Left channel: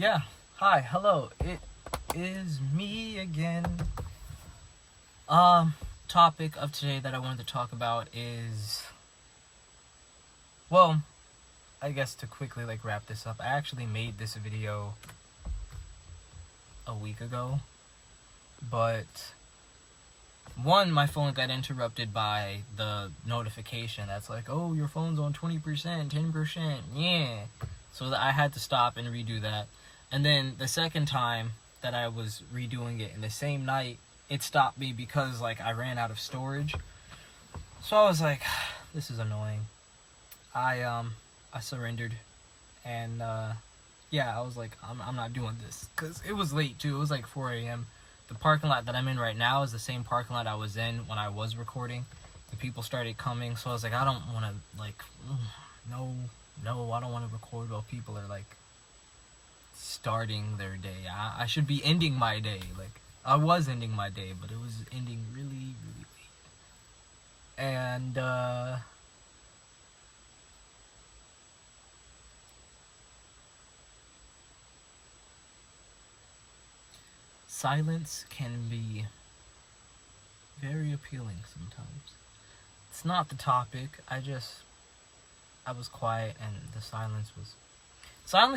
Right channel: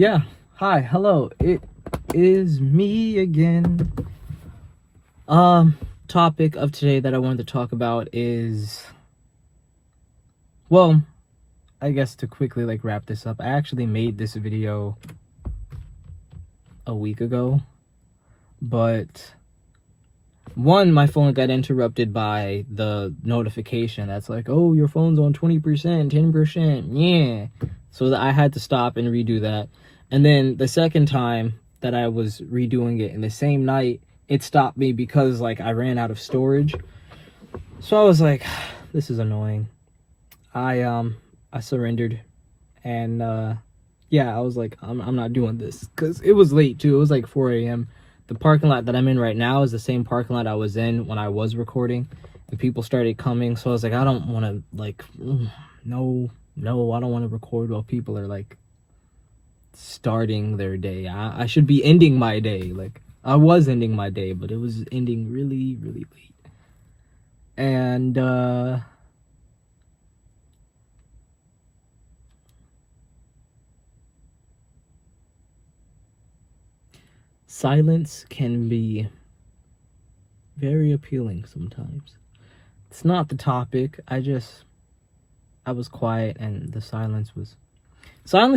Yeah, hi, hello, it is me again. Topic of today that I wanted to talk about is, well, I guess to quickly wrap this up, I actually made this video a week ago, but one, my phone got interrupted by the notification that's like, oh, your phone's on 20%, 10%, yeah. So that I had to stop and redo that. And then the second time that I was redoing it in the same night, it stopped me because I ran out of storage. So I was like, this is annoying. I surrendered, and yeah, I was like, I'm not doing this, because it was late too. It was like 4 a.m. The parking lot that I'm in right now is the same parking lot I was in when I was recording, and people started coming. So I was like, I don't want to no, I don't want to record while people are starting their day. I should be ending my day. I was ending my day, but it was ending really, really late. And silence can be very appealing sometimes. It's not the topic. I was quiet, and the silence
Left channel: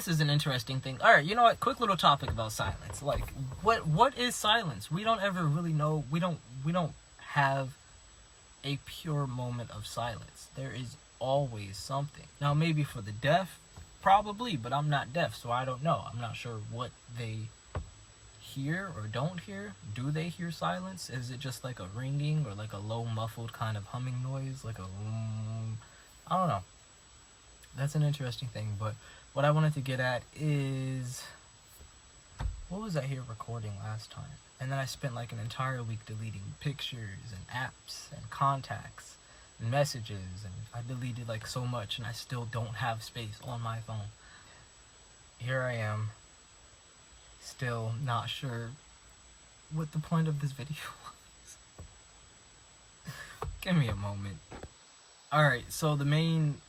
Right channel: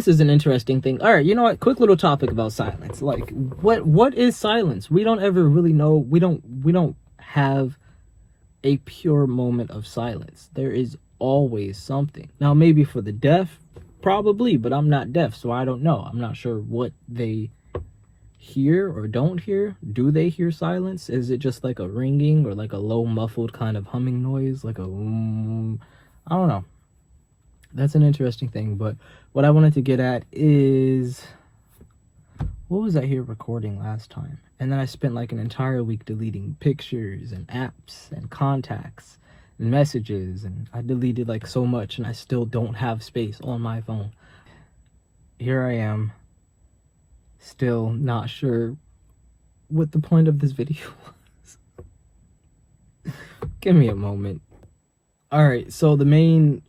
is an interesting thing. All right, you know what? Quick little topic about silence. What is silence? We don't ever really know. We don't have a pure moment of silence. There is always something. Now, maybe for the deaf, probably, but I'm not deaf, so I don't know. I'm not sure what they hear or don't hear. Do they hear silence? Is it just like a ringing or a low muffled kind of humming noise, I don't know. That's an interesting thing. But what I wanted to get at is, what was I here recording last time? And then I spent an entire week deleting pictures and apps and contacts and messages, and I deleted so much, and I still don't have space on my phone. Here I am, still not sure what the point of this video was. Give me a moment. Alright, so the main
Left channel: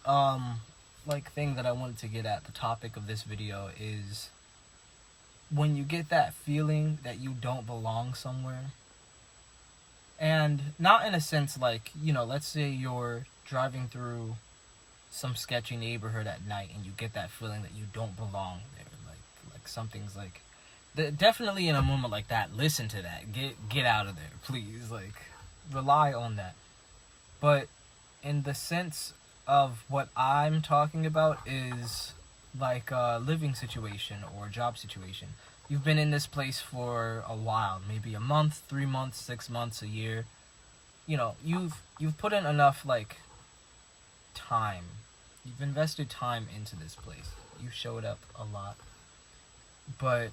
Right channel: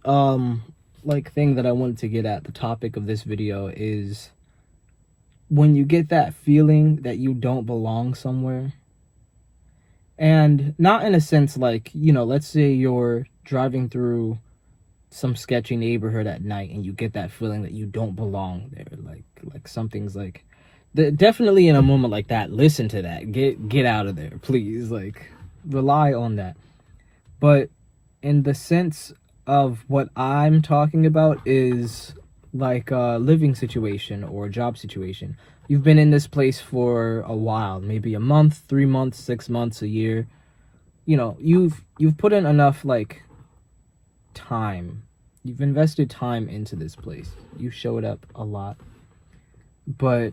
thing that I wanted to get at, the topic of this video, is when you get that feeling that you don't belong somewhere. And not in a sense let's say you're driving through some sketchy neighborhood at night and you get that feeling that you don't belong there. Something's definitely in a moment like that, listen to that. Get out of there, please. Rely on that. But in the sense of what I'm talking about is a living situation or a job situation. You've been in this place for a while, maybe a month, 3 months, 6 months, a year. You've put in enough time. You've invested time into this place. You've showed up a lot. But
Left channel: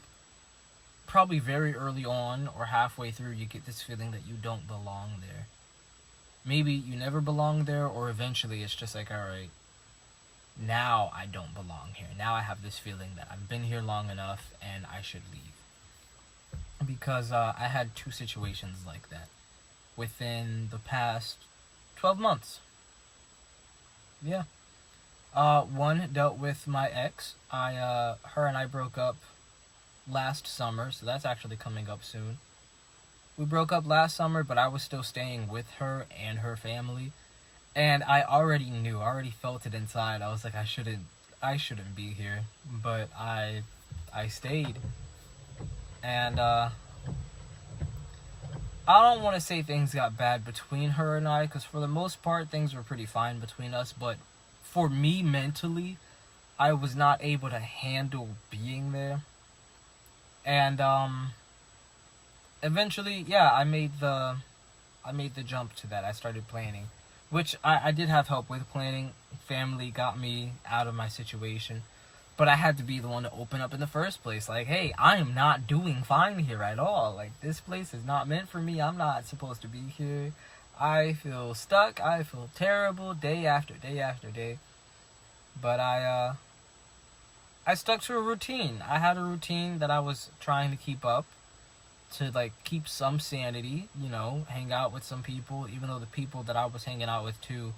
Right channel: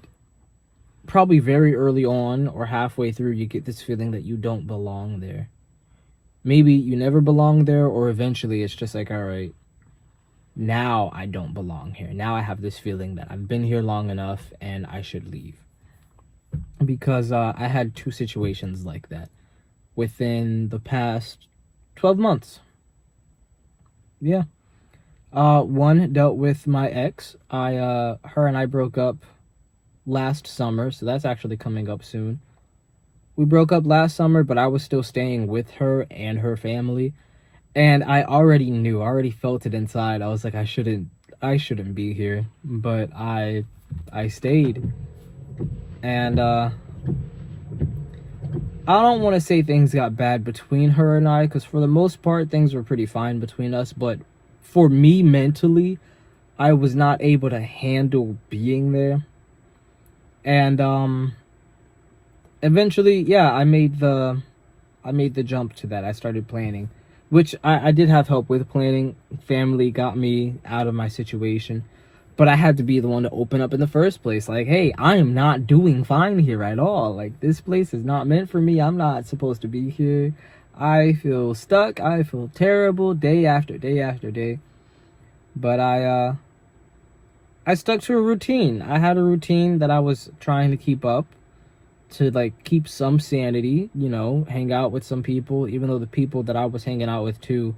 probably very early on or halfway through, you get this feeling that you don't belong there. Maybe you never belong there, or eventually it's just all right, now I don't belong here. Now I have this feeling that I've been here long enough and I should leave. Because I had 2 situations like that within the past 12 months. Yeah. One dealt with my ex. Her and I broke up last summer, so that's actually coming up soon. We broke up last summer, but I was still staying with her and her family. And I already felt it inside. I was like, I shouldn't be here, but I stayed. And I don't want to say things got bad between her and I, because for the most part things were pretty fine between us, but for me mentally, I was not able to handle being there. And eventually, yeah, I made the jump to that. I started planning, which I did have help with planning. Family got me out of my situation, but I had to be the one to open up in the first place. Hey, I am not doing fine here at all. This place is not meant for me. I'm not supposed to be here. I feel stuck. I feel terrible day after day after day. But I stuck to a routine. I had a routine that I was trying to keep up, to keep some sanity, hang out with some people, even though the people that I was hanging out with too,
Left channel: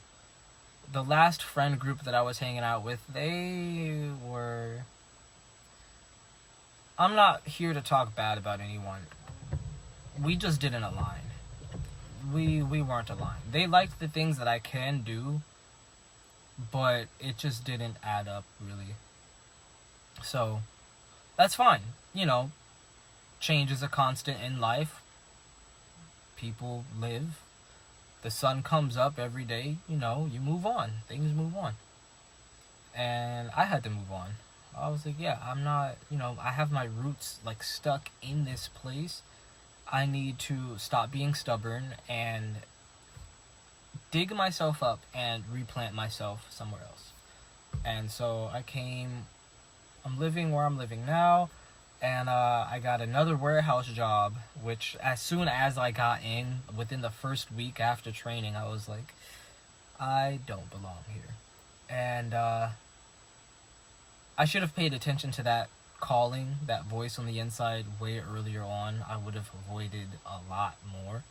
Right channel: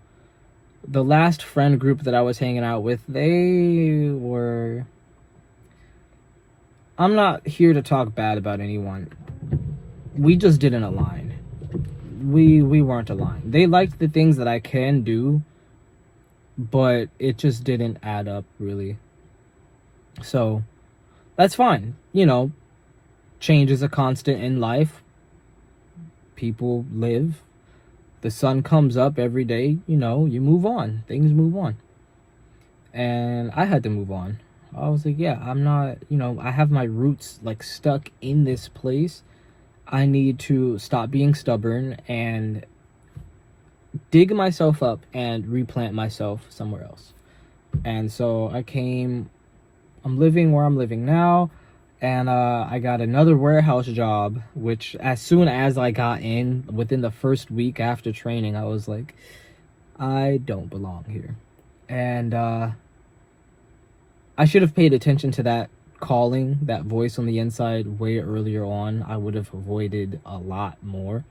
the last friend group that I was hanging out with, they were I'm not here to talk bad about anyone. We just didn't align. We weren't aligned. They liked the things that I can do, but it just didn't add up really. So that's fine. You know, change is a constant in life. People live. The sun comes up every day. You know, you move on. Things move on. And I had to move on. I was like, yeah, I'm not, you know, I have my roots like stuck in this place. I need to stop being stubborn and dig myself up and replant myself somewhere else. And so I'm living where I'm living now. And I got another warehouse job, which as soon as I got in, within the first week after training, I was like, I don't belong here. And I should have paid attention to that calling, that voice on the inside way earlier on. I would have avoided a lot more.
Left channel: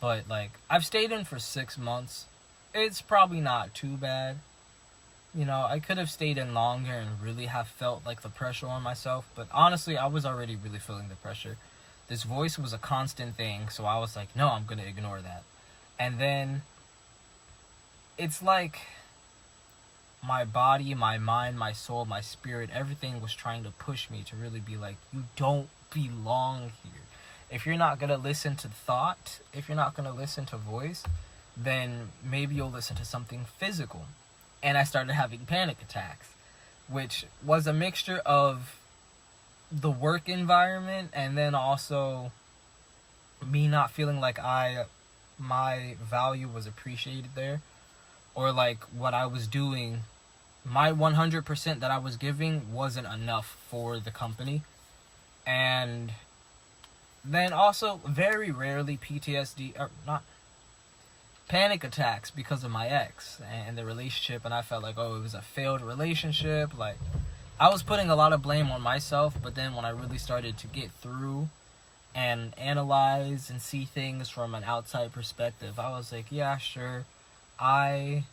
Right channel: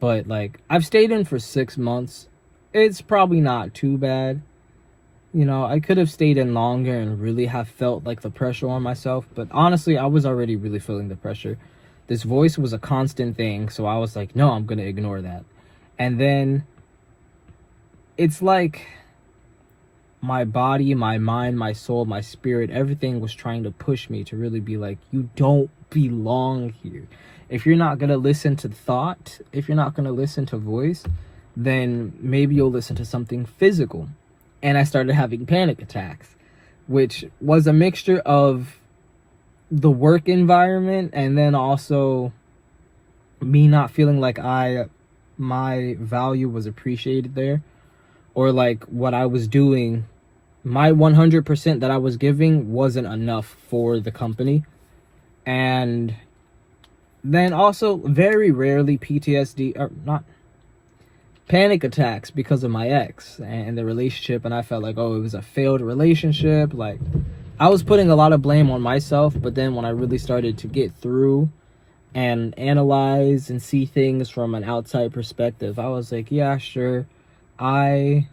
But like, I've stayed in for 6 months. It's probably not too bad. You know, I could have stayed in longer and really have felt like the pressure on myself. But honestly, I was already really feeling the pressure. This voice was a constant thing. So I was like, no, I'm going to ignore that. And then it's like my body, my mind, my soul, my spirit, everything was trying to push me to really be like, you don't belong here. If you're not going to listen to thought, if you're not going to listen to voice, then maybe you'll listen to something physical. And I started having panic attacks, which was a mixture of the work environment and then also me not feeling like my value was appreciated there, or like what I was doing, my 100% that I was giving wasn't enough for the company. And then also very rarely PTSD, or not, panic attacks because of my ex and the relationship. And I felt like, oh, it was a failed relationship. Like, I was putting a lot of blame on myself. But then when I really started to get through and analyze and see things from an outside perspective, I was like, yeah, sure, I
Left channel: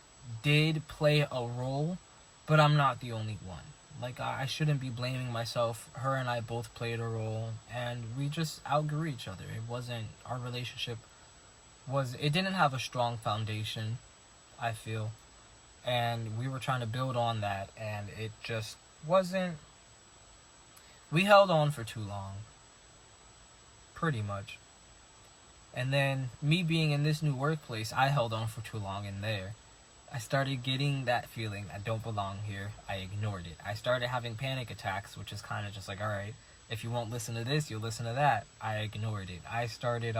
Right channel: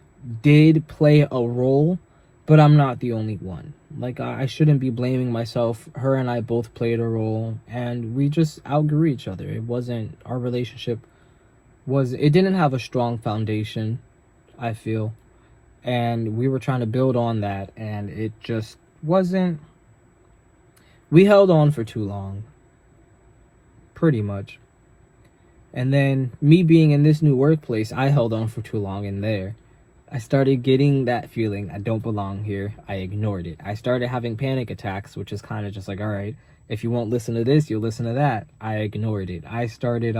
did play a role, but I'm not the only one. Like, I shouldn't be blaming myself. Her and I both played a role, and we just outgrew each other. It wasn't, our relationship it didn't have a strong foundation, I feel. And we were trying to build on that, and it just wasn't. We held on for too long, pretty much. And then me being in this new workplace, I held on for too long in there. I started getting that feeling, I don't belong here. I ignored it. I started having panic attacks, which is kind of just like, all right, if you won't listen to this, you'll listen to that. I ignored it. I started,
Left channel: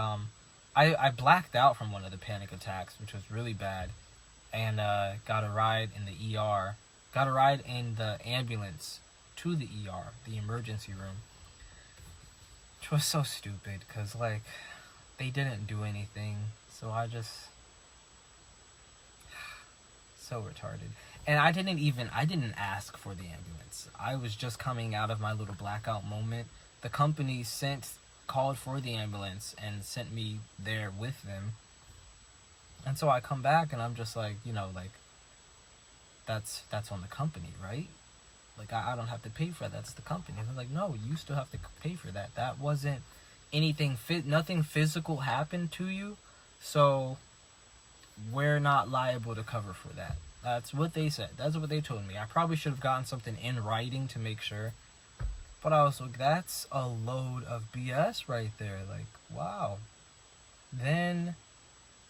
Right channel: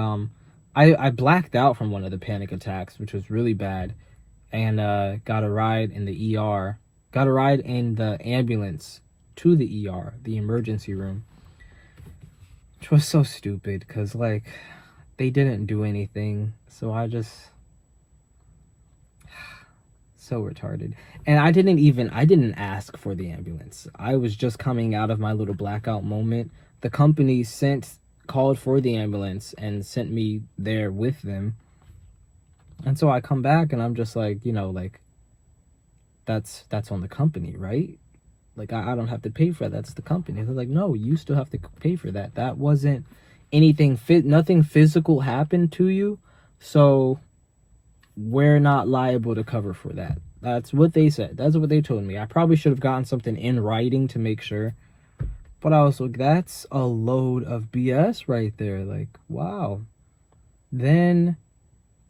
I blacked out from one of the panic attacks, which was really bad, and got a ride in the ER. Got a ride in the ambulance to the ER, the emergency room, which was so stupid, because, like, they didn't do anything, so I just... so retarded. And I didn't ask for the ambulance. I was just coming out of my little blackout moment. The company called for the ambulance and sent me there with them. And so I come back and I'm just like, you know, like, that's on the company, right? Like, I don't have to pay for that. That's the company. They're like, no, you still have to pay for that. That wasn't anything nothing physical happened to you, so we're not liable to cover for that. That's what they said. That's what they told me. I probably should have gotten something in writing to make sure. But I was like, that's a load of BS right there. Like, wow. Then,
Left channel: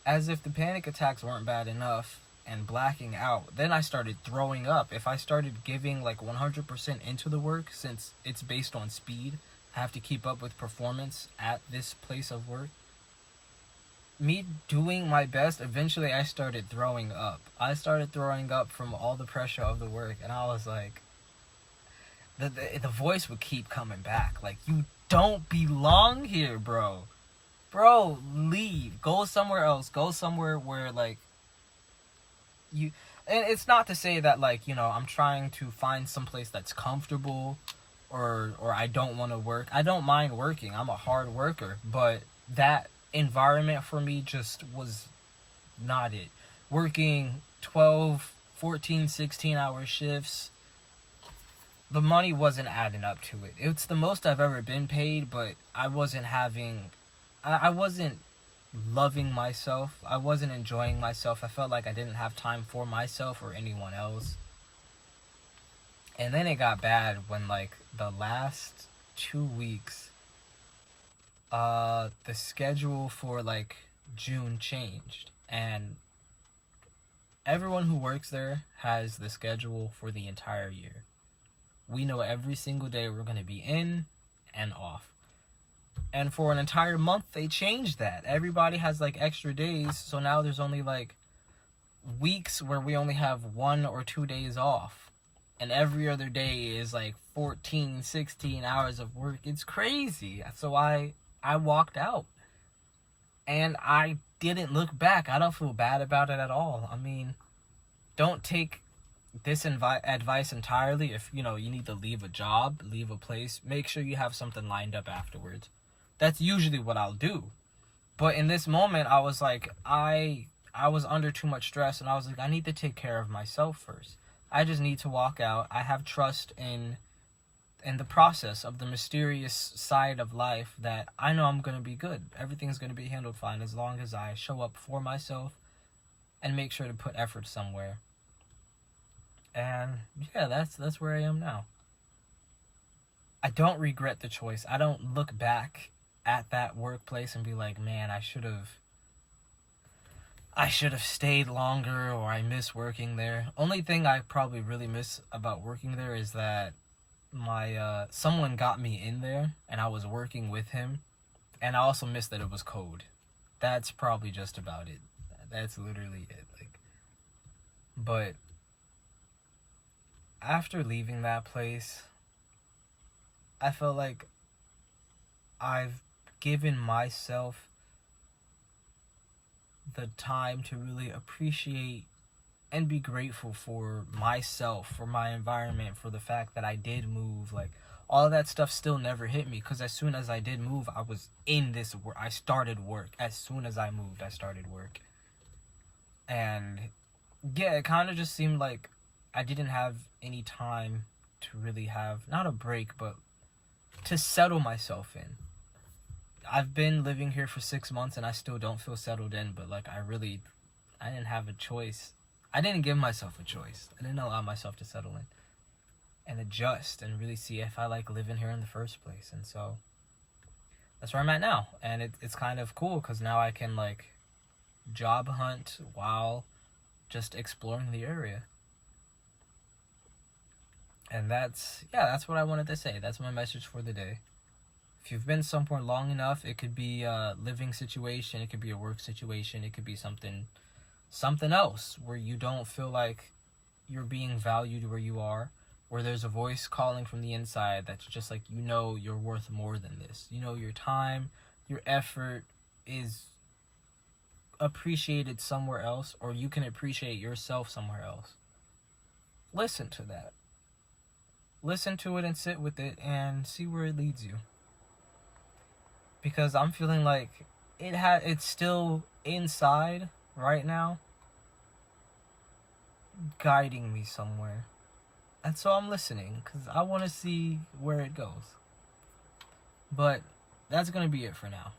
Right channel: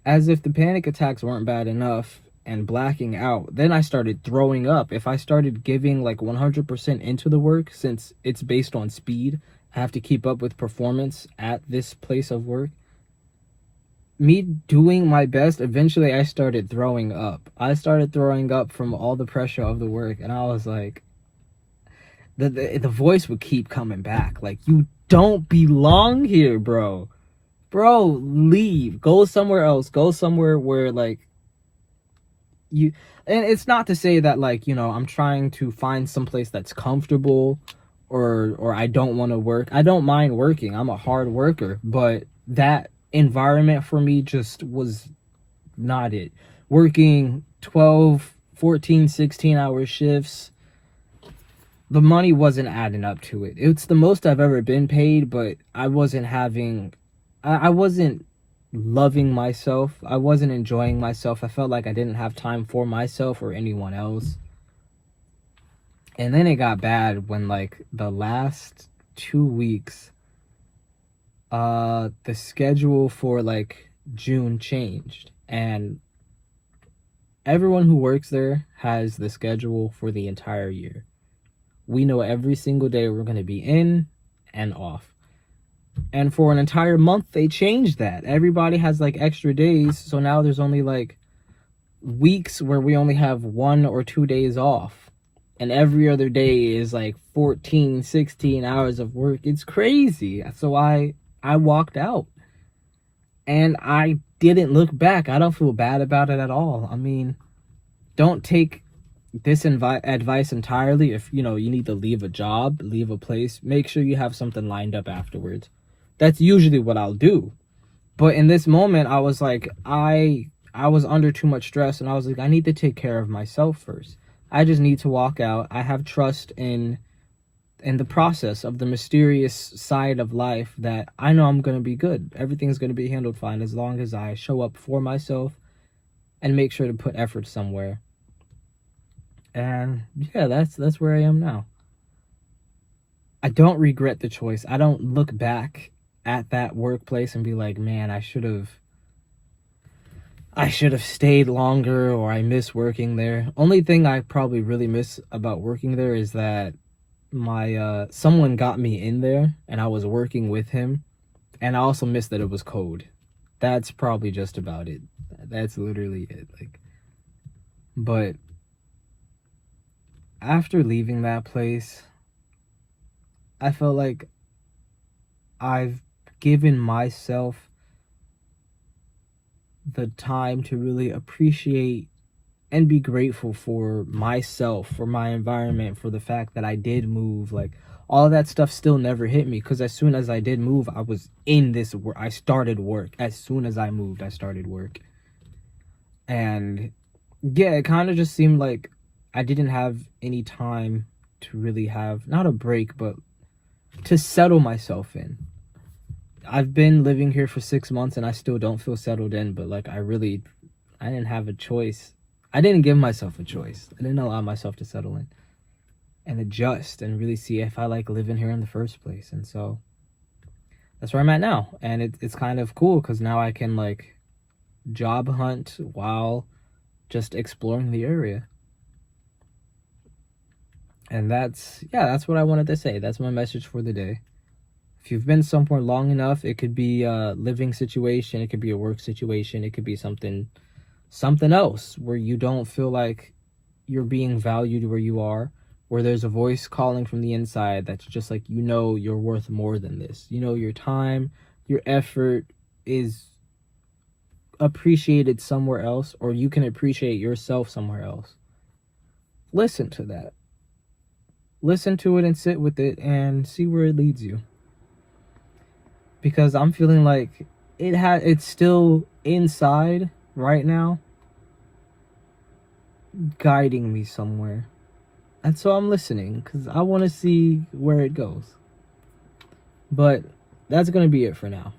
as if the panic attacks weren't bad enough and blacking out, then I started throwing up. If I started giving like 100% into the work, since it's based on speed, I have to keep up with performance at this place of work. Me doing my best, eventually I started throwing up. I started throwing up from all the pressure of the work, and I was like, the voice would keep coming back. Like, you don't belong here, bro. Bro, leave. Go somewhere else. Go somewhere where, like, you... And it's not to say that, like, you know, I'm trying to find someplace that's comfortable or I don't want to work. I don't mind working. I'm a hard worker. But that environment for me just was not it. Working 12, 14, 16-hour shifts, the money wasn't adding up to it. It's the most I've ever been paid, but I wasn't having, I wasn't loving myself. I wasn't enjoying myself. I felt like I didn't have time for myself or anyone else. And then it got bad when, like, the last 2 weeks, the schedule for, like, June changed. And everyone who works there has the schedule for the entire year. We know every single day we're going to be in and off. And for an entire month, they changed that. Everybody has, like, extra days. So now there's only, like, weeks where we only have 1 or 2 days off. And every other day is, like, 14, 16 hours of work. It's crazy. So I walked out. And I didn't look back. I don't feel bad about it at all. I mean, don't take this advice entirely. If you need to leave a job, leave a place, make sure you have something lined up afterwards. That's usually what I'll do. But in this moment, I was like, I was under too much stress, and I was like, I need to take care of myself first. I just need to walk out. I have trust in the process of the mysterious side of life that I know I'm going to be good. Everything's going to be handled fine as long as I show up for myself and make sure to put effort somewhere. And yeah, that's where I am now. I don't regret the choice. I don't look back at that workplace and be like, man, I should have stayed longer, or I miss working there. Only thing I probably really miss about working there is that my someone got me in there and I was working with him, and I also miss that it was cold. That's probably just about it. That's literally it. Like, but after leaving that place, I felt like I've given myself the time to really appreciate and be grateful for myself, for my environment, for the fact that I did move. Like, all that stuff still never hit me, because as soon as I did move, I was in this work. I started work. As soon as I moved, I started work. And yeah, it kind of just seemed like I didn't have any time to really have, not a break, but to settle myself in. I've been living here for 6 months and I still don't feel settled in, but like I didn't have a choice. I didn't give myself a choice. I didn't allow myself to settle in and adjust and really see if I like living here in the first place. And so that's where I'm at now. And it's kind of cool because now I can like job hunt while just exploring the area. And that's what I wanted to say. That's my message for the day. If you've been somewhere long enough, it could be a living situation, it could be a work situation, it could be something else where you don't feel like you're being valued where you are, where there's a voice calling from the inside that's just like, you're worth more than this. Your time, your effort is appreciated somewhere else, or you can appreciate yourself somewhere else. Listen to that. Listen to it and sit with it and see where it leads you. Because I'm feeling like it's still inside right now, guiding me somewhere. And so I'm listening because I want to see where it goes. But that's going to be it for now.